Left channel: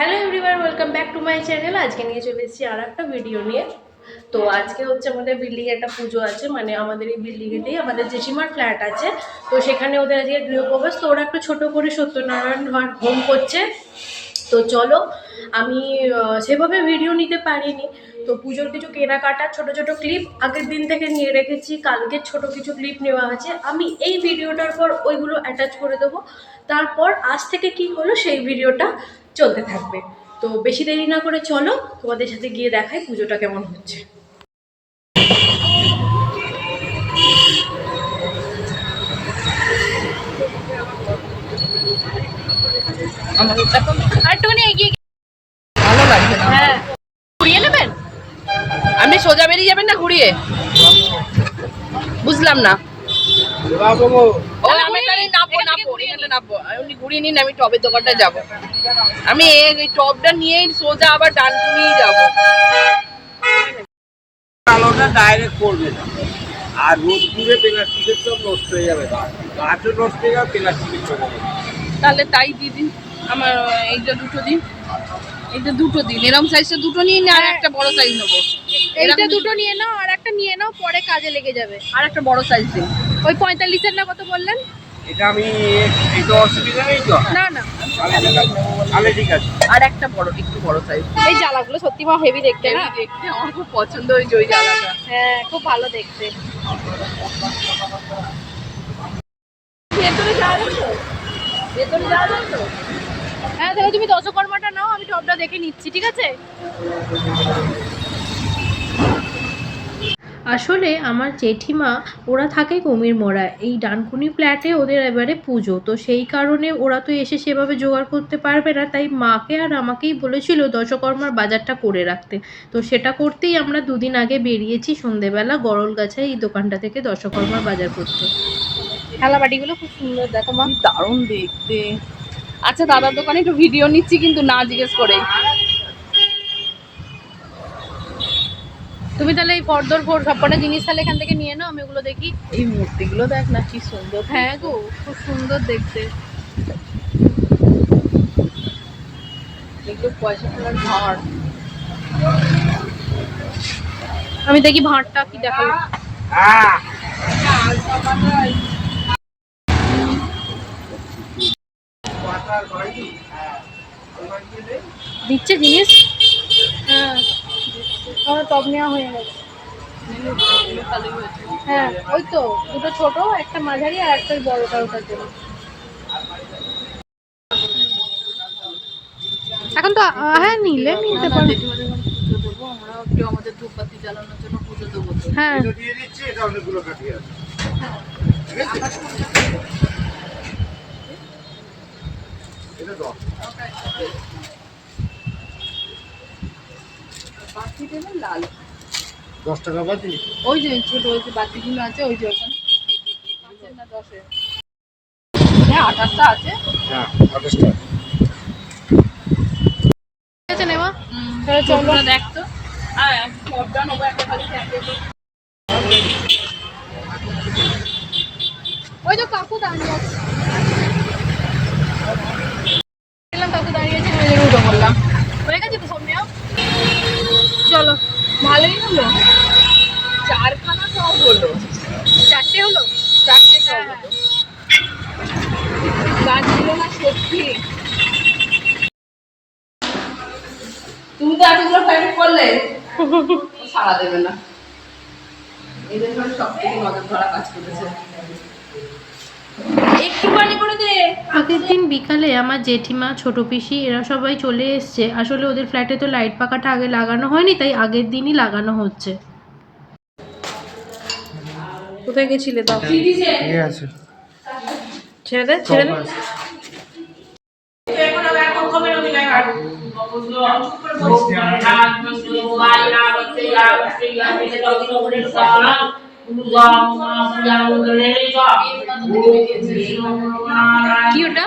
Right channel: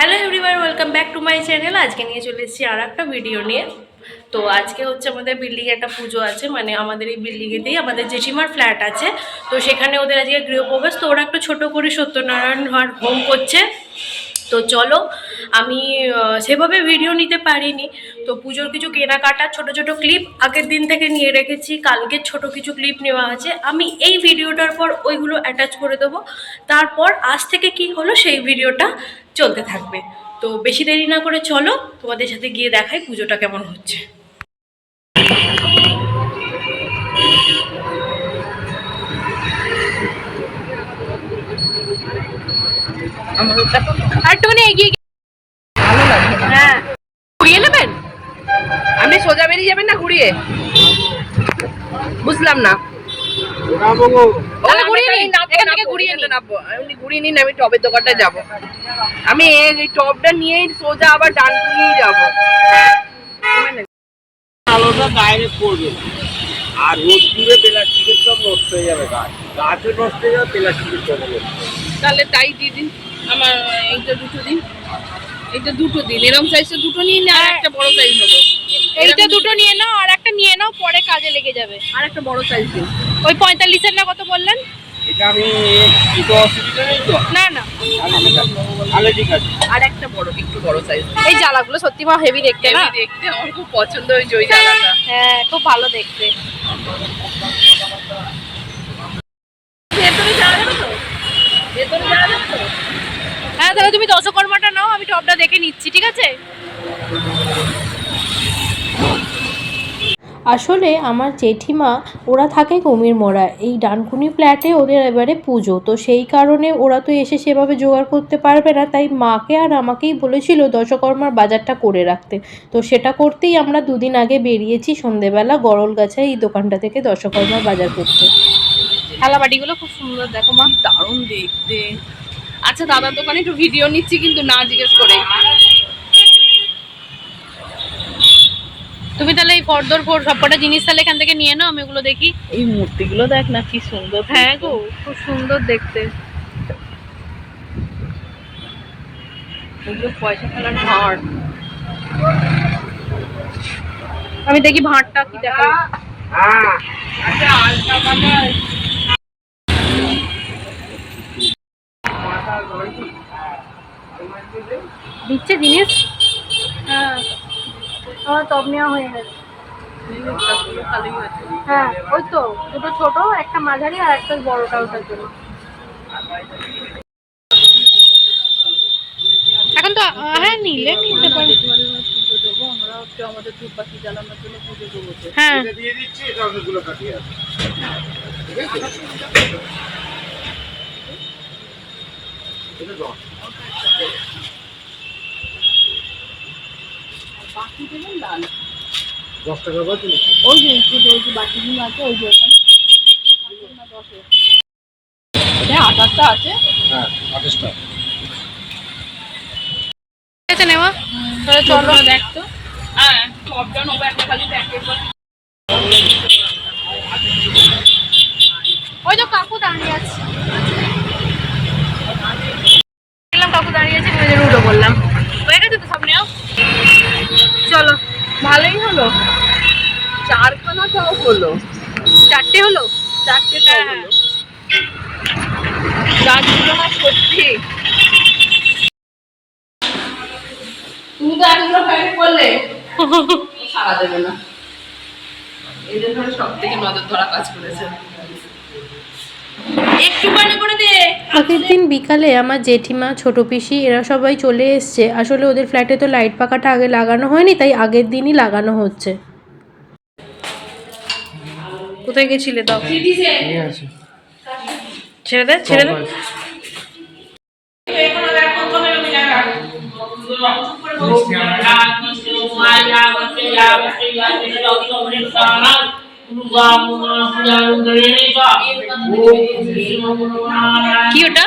Hello everyone, welcome back to my channel. আজকে নিয়ে চলে এসেছি আর একটা ভিডিও নিয়ে। তো আজকে হচ্ছে আমাদের বিল্ডিংয়ে একটা পুজো আছে, মানে আমাদের এই বিল্ডিংয়েতেই আমাদের জেঠিমার ফ্ল্যাট আছে। তো সেখানে ওদের আজকে গৃহপ্রবেশ, তো ওরা একটু ছোটো করে সত্যনারায়ণ হোম করছে। তো চলো, আমি সেভাবে ভিডিও নিতে পারিনি। তো পুজোর কিছু কেনাকাটা ছোট ছোট ক্লিপ আগের দিন থেকে নিয়ে রেখেছি, কালকে ছোট কিছু ক্লিপ নেওয়া আছে। আমি এই ভিডিওটার পর ওইগুলো অ্যাটাচ করে দেবো। তারপর আজ থেকে কি হলো সেই ভিডিওটা চলতে থাকবে। তো বেশি দেরি না করে চলো তোমাদের সাথে গিয়ে দেখাই পুজোটা কেমন হচ্ছে। একটুখানি এগিয়ে ভালো লাগছে না। হ্যাঁ, ঘুরিয়ে নেবেন। আপনি সোজা বেরিয়ে যাবেন না ঘুরিয়ে? বুঝলাম না। ঘুরিয়ে নিন, আমি টবের দোকানটায় যাবো। আমি এই টবটা নিয়ে সোজা আবার ডানকুনিয়ে যাবো। আলোটা ডাইরেক্ট পড়বে না, আর রোদ দূরে প্লাস্টিকের সব নষ্ট হয়ে যাবে, গাছও নষ্ট হয়ে যাবে, প্লাস্টিকের চলে যাবে। তাহলে তাই দিয়ে দিন, আমার এইটা দুটো দিন, এইটা দুটো দিন। এরকম সাইজটা দুটো নিয়ে না, আর একটা বড় সাইজ নেবো। এইটা দুটো নিয়ে নাও, আর একটা নিয়ে নাও, পরে কাজে লেগে যাবে। আর একটা বড় সাইজ দিন। ওই 45-এর না কত বললেন? এটা আমি এটা অসুবিধা নেই তো? না না, তাহলে ঠিক আছে। আর একটা বড়, একটু বড় সাইজ। এই জ্বালাগুলো সত্যি মা হেভি দেখতে না? দেখতে আমার খুব পছন্দ হয়েছে ওই জ্বালাটা। হ্যাঁ, খুব ভালো দেখতে। ভেতরে যাওয়া যাবে তো? ভেতরে যাওয়া যাবে তো? হ্যাঁ, তাহলে তুমি দশকর্মাটা নাও, আমি টপটা দেখে নিচ্ছি, ঠিক আছে? আসলে আমার জেঠিমা ওরা থাকে কুমিরমোড়া, এই ডানকুনি ফ্ল্যাটে ওদের এবারে পুজো, তো সেই কারণে ওরা তো এসে সেভাবে জোগাড় করতে পারবে না, তাই মাকে আর আমাকেই বলেছিল দশকর্মার বাজারটা করে রাখতে। তো সেটা করতেই আমরা দুদিন আগে বেরিয়েছি সন্ধেবেলা গরলগাছায় এই দোকানটা থেকে দশকর্মার বাজার করতে। থালাবাটিগুলো খুব সুন্দর, দেখো মা, দারুণ দেখতে। আচ্ছা, দাদার দোকানে একটু ভিডিও নিচ্ছি কিন্তু না জিজ্ঞেস করে। তুমি তাহলে এই ফর্দর সবকটা জিনিস তাহলে এখান থেকে নিয়ে নাও, আমি ওগুলো দেখি। এই মূর্তিগুলো দেখ না কি সুন্দর। হ্যাঁ গো, খুব সুন্দর দেখতে। এগুলো পয়সা ফেলার ভাঁড়। আমি দেখি ভাঁড়টা কি দেখালো। দিচ্ছে জিনিস। হ্যাঁ, আমার টপ নেওয়া হয়ে গেছে। হ্যাঁ, ওই তো দুটো ছোট, একটা মাঝারি আর একটা বড়টা, ওটার জন্য। এখন তো হ্যাঁ, নিলে নিতে পারো। পুজো দেবো আমরা, একটু আমাদের ধূপবাতি জ্বালানোর জন্য পুজো দেবো। হ্যাঁ, এটা দিয়ে দিচ্ছি, এটা অনেকগুলো কাটিয়ে আছে। ঠিক আছে, এটা 10। বাকি দেবেন লাল 10 টাকা বাকি। ওই যে ছোট ওই যে বাটিগুলো আছে, ওই যে ওখানে 5 না 10-এর। হ্যাঁ, 28টা আছে। হ্যাঁ, 28 টাকা। ঠিক আছে নেওয়া। তাহলে চলো। দেখ তো। হ্যাঁ, সবটা নেবো একটা খালি প্যাকেট। ওই তো কাকু দাঁড়িয়ে আছে, কাকু দাঁড়িয়ে আছে, নিজের উঠে বললাম। হয়ে গেছে তো সব নেওয়া, চলো। ভালোই হলো, 4খানা সব হলো। 4টে হলো। 4টে সব হলো। গাছগুলো না সত্যি, তুমি তো এতগুলো প্যাকেট করলে সারা দেবে না। এদের ধরে সব থেকে নজর ধরা কাজ করেছে। একটু পানি করে দে। আগের দিন বিকালে আমার জেঠিমা, ছোট পিসি এরা সবাই চলে এসছে। আসলে ওদের ফ্ল্যাটে তো লাইট পাখাটা আগে লাগানো হয়নি, তাই আগের দিনই লাগানো হচ্ছে। কোথায় গেছিলে? দাও, ছেড়ে দে, ছেড়ে দে। কি ওটা?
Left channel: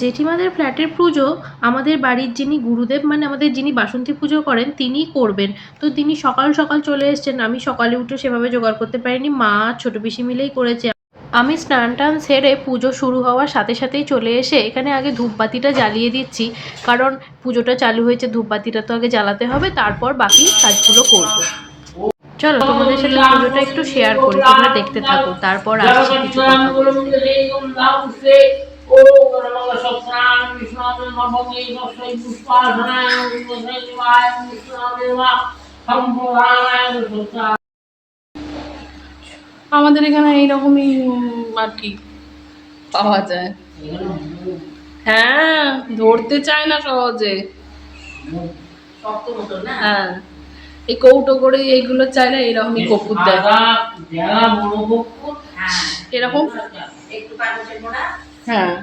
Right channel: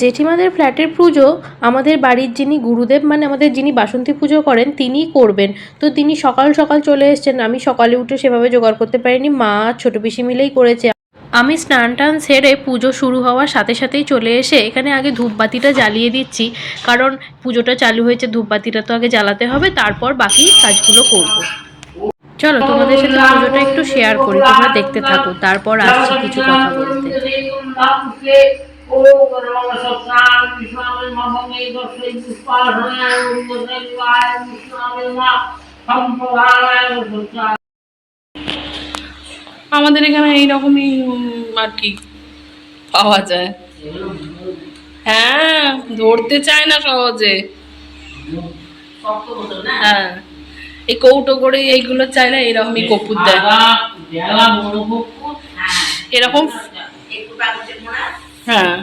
জেঠিমাদের ফ্ল্যাটের পুজো আমাদের বাড়ির যিনি গুরুদেব মানে আমাদের যিনি বাসন্তী পুজো করেন তিনিই করবেন। তো তিনি সকাল সকাল চলে এসেছেন, আমি সকালে উঠে সেভাবে জোগাড় করতে পারিনি, মা ছোট পিসি মিলেই করেছে। আমি স্নান টান সেরে পুজো শুরু হওয়ার সাথে সাথেই চলে এসে এখানে আগে ধূপবাতিটা জ্বালিয়ে দিচ্ছি, কারণ পুজোটা চালু হয়েছে, ধূপবাতিটা তো আগে জ্বালাতে হবে, তারপর বাকি কাজগুলো করব। চলো তোমাদের সাথে পুজোটা একটু শেয়ার করি, তোমরা দেখতে থাকো, তারপর আসছি কিছু কথা বলতে। আমাদের এখানে এইরকমই আর কি পাওয়া যায়। হ্যাঁ, ধরতে চায় না সহজে। হ্যাঁ, এই কৌটো করে এইগুলো চাই না, এরকমই কপুর দেয় এরকম। হ্যাঁ,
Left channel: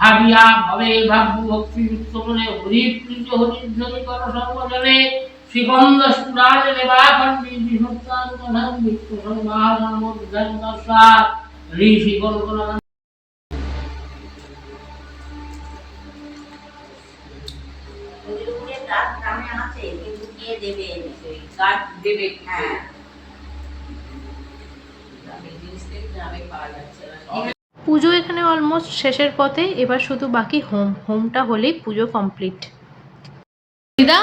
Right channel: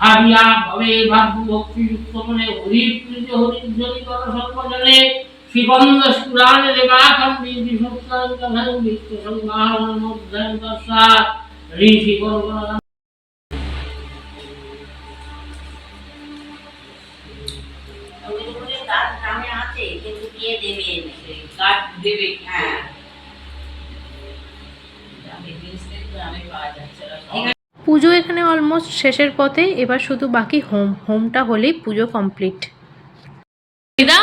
ভাবিয়া ভবে ভাব্য ভক্তিযুক্ত মনে হরিপ্রীত হরিধ্বনি কর সর্বজনে শ্রীবন্ধ পুরাণে দেবাখণ্ডী বিশুক্তাঙ্কধন বিত্ত সংবাহন মধ্যম দর্শাৎ ঋষি কল্পনা। দেবে হ্যাঁ, পুজো এখানে অলমোস্ট শেষের পথে, এবার শুধু বাকি হোমটা হলেই পুজো কমপ্লিট। দিদা,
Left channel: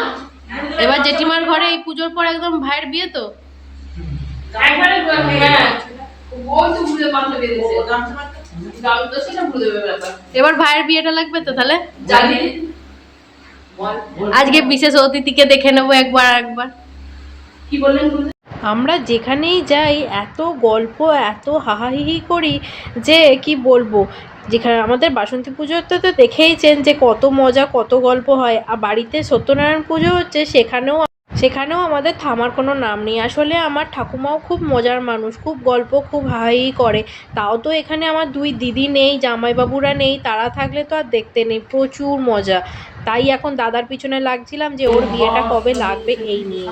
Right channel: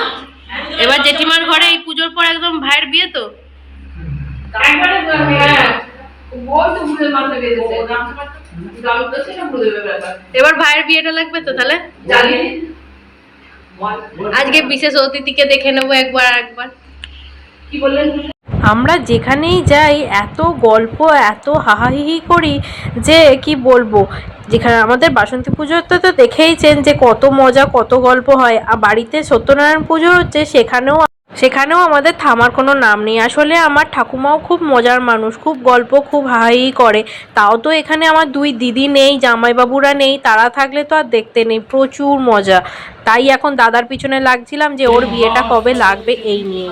এবার জেঠিমার ঘরে এই পুজোর পর একদম ভাইয়ের বিয়ে তো? এবার ভাইয়ের বিয়েটা লাগবে তো তাহলে? আজকে বিশেষ অতিথিকে দেখে নেবো একবার। কি বললেন? আমরা যেখানেই যাই এত গল্প, এত হাহাহিহি করি যে কি বলবো। যেখানে আমাদের বাসন্তী পুজোতে তো দেখেইছেন যে কত মজা, কত গল্প হয়, আর বাড়িতে সত্যনারায়ণ পুজো হচ্ছে সেখানেও আমাদের থামার কোনো নাম নেই। আসলে আমার ঠাকুমাও খুব মজার মানুষ, খুব গল্প, খুব হাহাহি করে। তাও তো এখানে আমার দুই দিদি নেই, জামাইবাবুরা নেই, তারা থাকলে তো আর দেখতে নেই, প্রচুর মজা। তাই এখন দাদার পিছনে লাগছিলাম যে ওর বিয়েটা কবে লাগবে এই নিয়ে।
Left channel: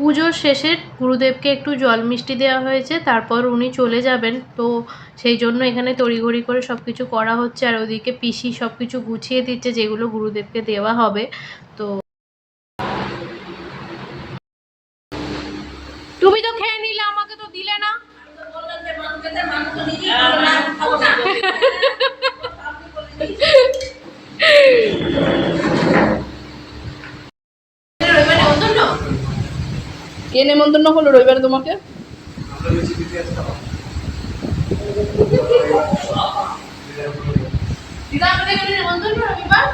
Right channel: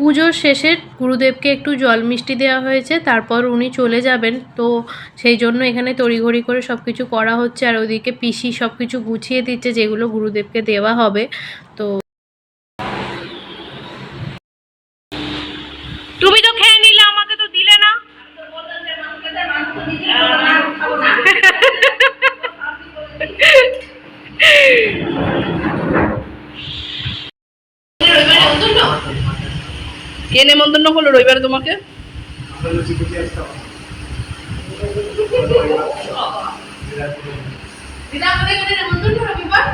পুজোর শেষে গুরুদেবকে একটু জল মিষ্টি দেওয়া হয়েছে, তারপর উনি চলে যাবেন। তো সেই জন্য এখানে তড়িঘড়ি করে সব কিছু করা হচ্ছে, আর ওদিকে পিসি সব কিছু গুছিয়ে দিচ্ছে যেগুলো গুরুদেবকে দেওয়া হবে। তো তুমি তো খেয়ে নিলে, আমাকে তো দিলে না। কে নেমন্তন্ন হলো রবিবারে তোমাকে? দিদা আমাদের এখানে নেমন্তন্ন রবিবার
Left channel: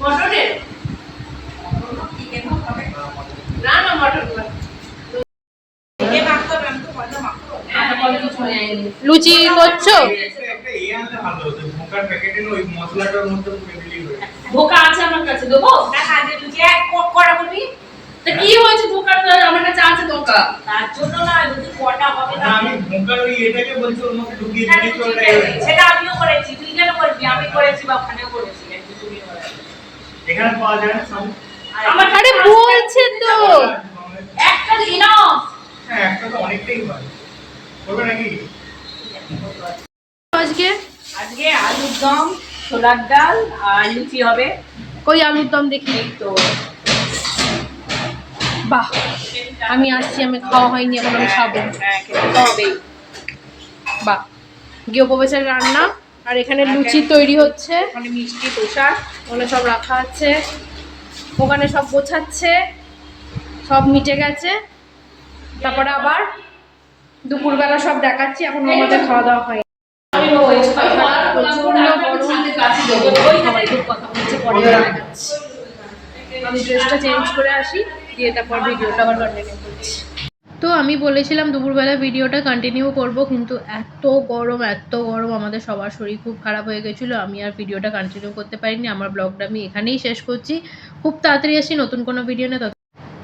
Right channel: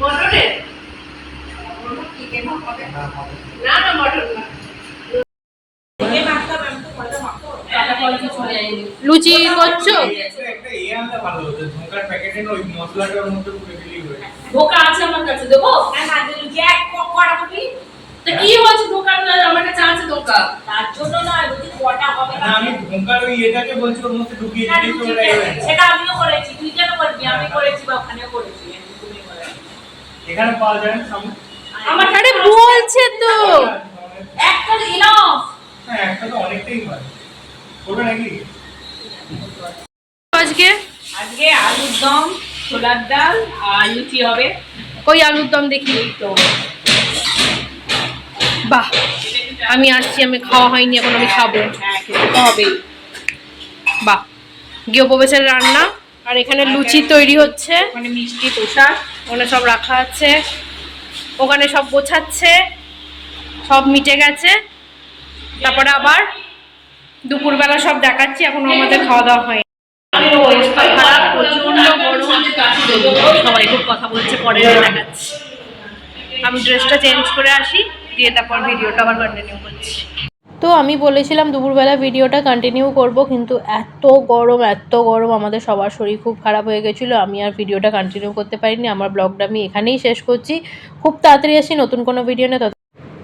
মটনের না না মটন না। লুচি করছো? ধোকা আছে আমার কাছে, দেবো? তা কি হয়েছে ধোকা? আমার কাছে আছে ধোকা। তার জন্য না, যদি কটা হবে না। আমি ধোকার ওই এটাকে বলছি, ওর মধ্যে ঢুকিয়ে দিই তো ওটাই হয়েছে। সেটা আমিও করেছি, তুই কেন করবি? আমি করেছি বা ওখানেও করেছি, তুমি করেছো। এখানে পাওয়া যায় না সামনে? আমার আরে বলছে তো একটা ইনাফ। হ্যাঁ, একটা তো অনেকটাই হয়। করবে নাকি? আজকে আজকে আলুর দম, ছোলার ডাল আর লুচি হবে। কই আলুর দম দেখি তো বাহ, আমি আসছি, আমি খাওয়া হয়নি এখন, আমি খাবো। হ্যাঁ, খেতে তো হবেই। বাহ, গৃহপ্রবেশের রান্না। আর এখানে লুচি তৈরি হচ্ছে, মানে মিষ্টি তোষা ওখানে সব রাখা আছে, ওখানে সব গোছাচ্ছে, সব মিটে গেছে। তারপরে আবার দুপুরবেলা সব দেখাচ্ছি, এখনো আমাদের খাওয়া দাওয়া হয়নি। অবস্থা খারাপ, প্রচন্ড গরম, সবাই খুব কথা বলছে, পরে দেখাচ্ছি। আমি ড্রেসটা চেঞ্জ করে আসি, দিয়ে তারপর ভিডিওটা আবার কন্টিনিউ করছি। তো আমি বলেছিলাম দুপুরবেলা ভিডিওটা কন্টিনিউ করব, কিন্তু এত গরম আমাদের সবার শরীর খুব খারাপ হয়ে গেছিলো, আমি আর ভিডিওটা কন্টিনিউ করতে পারিনি। আমার ব্লগটা আমি এখানেই শেষ করছি, খুব তাড়াতাড়ি আসি নতুন কোনো ভিডিও নিয়ে।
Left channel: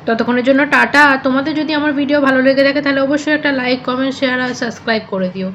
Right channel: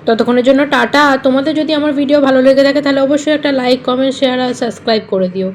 ততক্ষণের জন্য টাটা। আর তোমাদের যদি আমার ভিডিও ভালো লেগে থাকে তাহলে অবশ্যই একটা লাইক, কমেন্ট, শেয়ার আর সাবস্ক্রাইব করে দিও।